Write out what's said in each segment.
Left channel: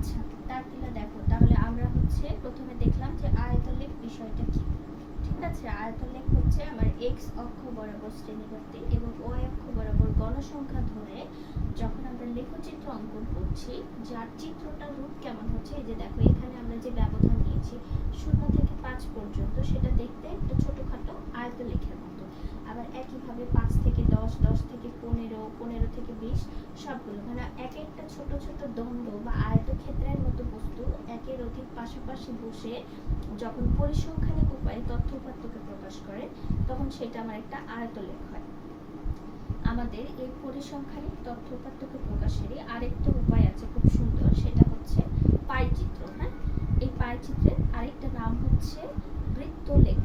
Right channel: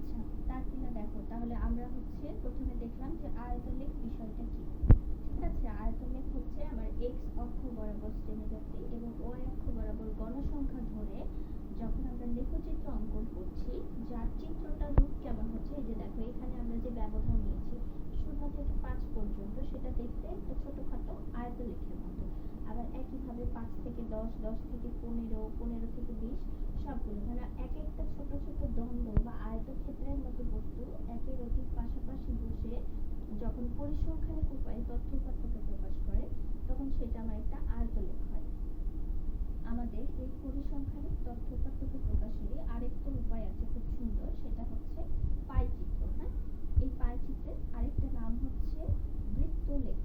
আচ্ছা, তাহলে দেখো, তাহলে আমরা হচ্ছে প্রথমে দেখলাম যে আয়তলেখ বিষয়টা কি। ঠিক আছে, আয়তলেখ হচ্ছে আমার এক্স অক্ষ বরাবর শ্রেণীবদ্ধ এবং ওয়াই অক্ষ বরাবর গণসংখ্যা ধরে যখন আমরা লেখচিত্র অঙ্কন করছি, যার চিত্রটার রূপ কেমন হচ্ছে, এই যে দেখো এখানে আমরা যে ব্যবধান নিয়েছি 0 থেকে 5 পর্যন্ত, সেটা দেখতে একটা ছোটখাটো আয়তলেখের মতো। আবার একইভাবে 5 থেকে 10, 10 থেকে 15, 15 থেকে 20 সবগুলো মানে এক একটা ছোট ছোট দণ্ড বা আয়তক্ষেত্রের মতো বস্তু একের অধিক পাশাপাশি বসে যখন পরিসংখ্যানিক উপায়ে তথ্য উপাত্তকে প্রকাশ করে, তখন সেটা আমার একটা আয়তলেখ হয়। আমাদের এই পরিসংখ্যানিক তথ্য উপাত্তকে প্রকাশেরই আরেকটা উপায় আছে খুব সুন্দর, সেটা হচ্ছে পাইচিত্র। হ্যাঁ, এই পাইচিত্রের আরেকটা নাম হচ্ছে বৃত্তলেখ।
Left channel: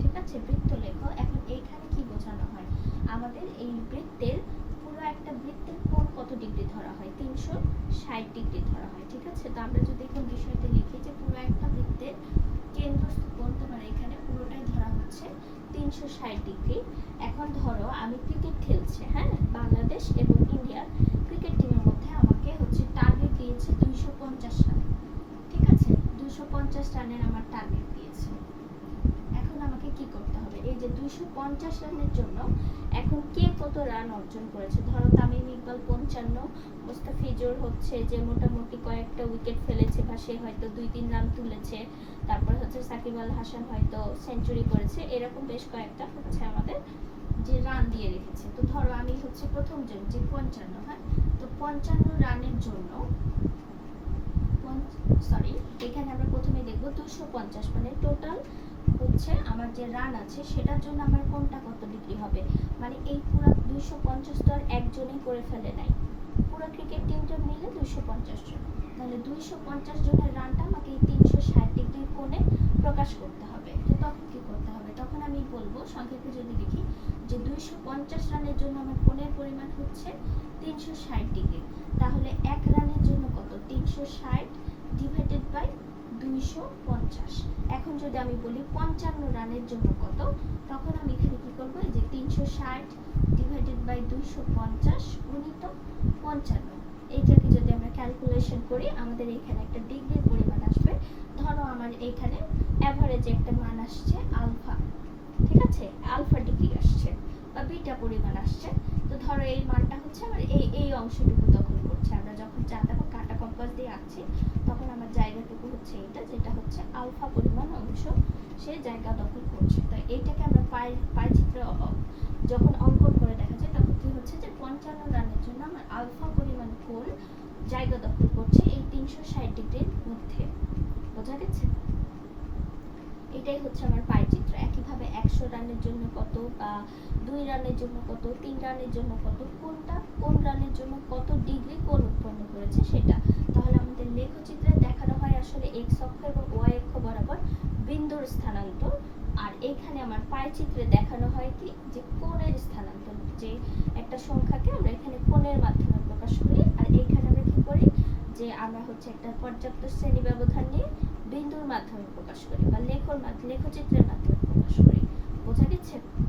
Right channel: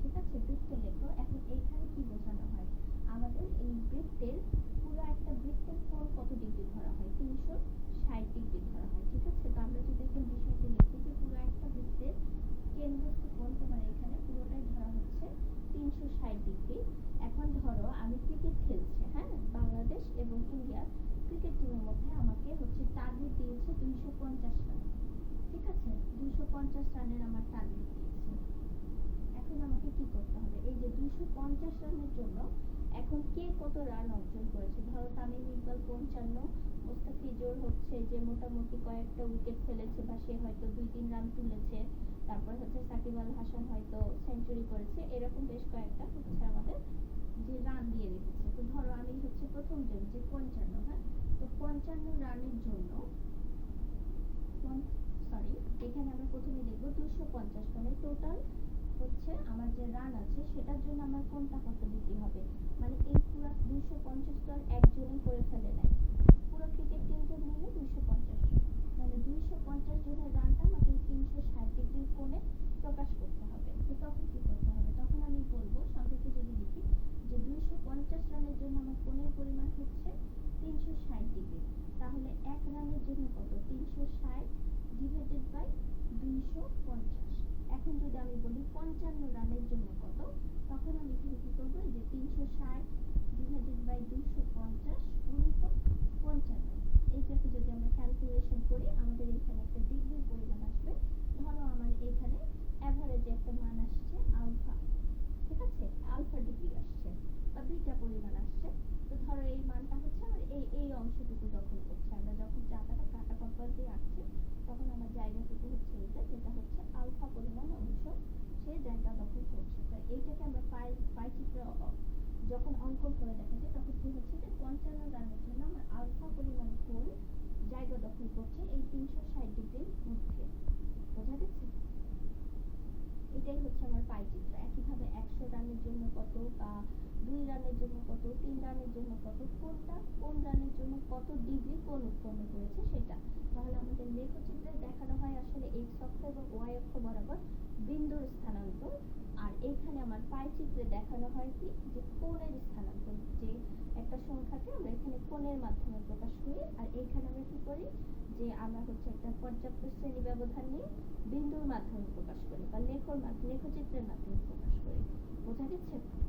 ঠিক আছে, বৃত্তলেখ। এখন এইখানে কি বোঝানো হয়, আমাদের এই বৃত্তের পুরো একটা বৃত্তের কোণ কত ডিগ্রি ধরা হয়, 360 ডিগ্রি ধরা হয়। ঠিক আছে, তো আমরা যদি এখন বিষয়তে লিখি যে পুরো একটা বৃত্তের কেন্দ্রস্থ কোণ তোমার এখানে পুরোটাই ধরা হচ্ছে 360 ডিগ্রি। এখন ধরো আমি ক্রিকেট খেলছে, হ্যাঁ, বাংলাদেশ এবং ইন্ডিয়ার ক্রিকেট টিমের মধ্যে আমাকে হচ্ছে টার্গেট দিয়েছে 250 রান। ঠিক আছে, 250 রানের আমার টার্গেট দিয়েছে। এখন আমাকে কি করতে হবে, এই যে 250 রানের জন্য এখন কে কত রান অর্জন করেছে, ধরো তামিম ইকবাল 55, মুস্তাফিজুর হচ্ছে যে মোটামুটি কয়েকটা উইকেট ফেলেছে বা সে হয়তো 2-3 রান তুলেছে, তারপর হচ্ছে সাকিব আল হাসান হয়তো সেঞ্চুরি করেছে, এরকম বেশ কয়েকটা হচ্ছে আমাদের যে রান দিয়ে রেখেছে। তো ধরো আমি হচ্ছে প্রথম জন যে 55, হ্যাঁ, তো 55 রানের জন্য এখানে আমরা প্রথমে দেখব 250 মানে টোটাল হচ্ছে আমার যে রান আছে সেটার জন্য আমার কোনটা কত ডিগ্রি হবে, মানে এই পুরো 250 তো আর একজনই করে ফেলে নাই, পুরো ক্রিকেট টিমটা মিলে 250 জন, তাহলে 250 জনের রানটা আমাকে এই 360 ডিগ্রি কোণে প্রকাশ করতে হবে। তো তখন কি করতে হবে, তখন আমি বলবো সংক্ষেপে যদি লিখি যে 250 রানের জন্য আমার কোণের পরিমাণ হচ্ছে 360 ডিগ্রি, তাহলে এক রানের জন্য কত, 360 ডিভাইডেড বাই 250। এখন যদি আমি বলি 55 রানের জন্য কত, তখন আমি এখানে কি করব, এই যে 360 ডিভাইডেড বাই 250 গুণিত 55, এইটাকে যদি আমরা ক্যালকুলেশন করি আমাদের এখানে একটা ডিগ্রির পরিমাণ আসবে। ধরো আমার এখানে এভারেজ একটা মান আসছে আলফা, ঠিক আছে, আলফা ডিগ্রি আসছে বা বিটা পরিমাণ আসছে। তো ধরো এই মানটা হচ্ছে আমার এই অংশটুকু দখল করছে, আমরা যখন দেখো কাটা কম্পাস দিয়ে আঁকছি তখন আমার জায়গাটুকু হচ্ছে এটা, যেটা হচ্ছে আলফা পরিমাণ অংশ সে জায়গা দখল করছে। তো এইটাকে আমরা পাই চিত্রে যখন অঙ্কন করে দেখা যায় তখন কি হচ্ছে যে 55 রানের জন্য আমার আলফা পরিমাণ কোণ জায়গা দখল করছে এই 360 ডিগ্রির মধ্যে। বোঝা গেছে? এটাই হচ্ছে আমার পাই চিত্র। একইভাবে 100 রানের জন্য কত, বা 2 রানের জন্য কত, 3 রানের জন্য কত, কোন রানের জন্য কত ডিগ্রি কোণ উৎপন্ন করেছে সেটা। তাহলে আমাদের লেখচিত্রে দেখানো হয় আসলে এক্স অক্ষ এবং ওয়াই অক্ষ বরাবর বিন্দুর স্থানান্তর, আর এইখানে আমার পাই চিত্রে দেখানো হয় কি যে কোণের স্থানান্তর, যে একটা সংখ্যাকে আমরা এখানে কোণের মাধ্যমে প্রকাশ করি, আর এইখানে আমরা কি করি যে আমরা হচ্ছে একটা পর্যাপ্ত শ্রেণী ব্যবধান নিয়ে বিন্দুর মাধ্যমে প্রকাশ করি বা লেখচিত্রের মাধ্যমে প্রকাশ করি। বোঝা গেছে?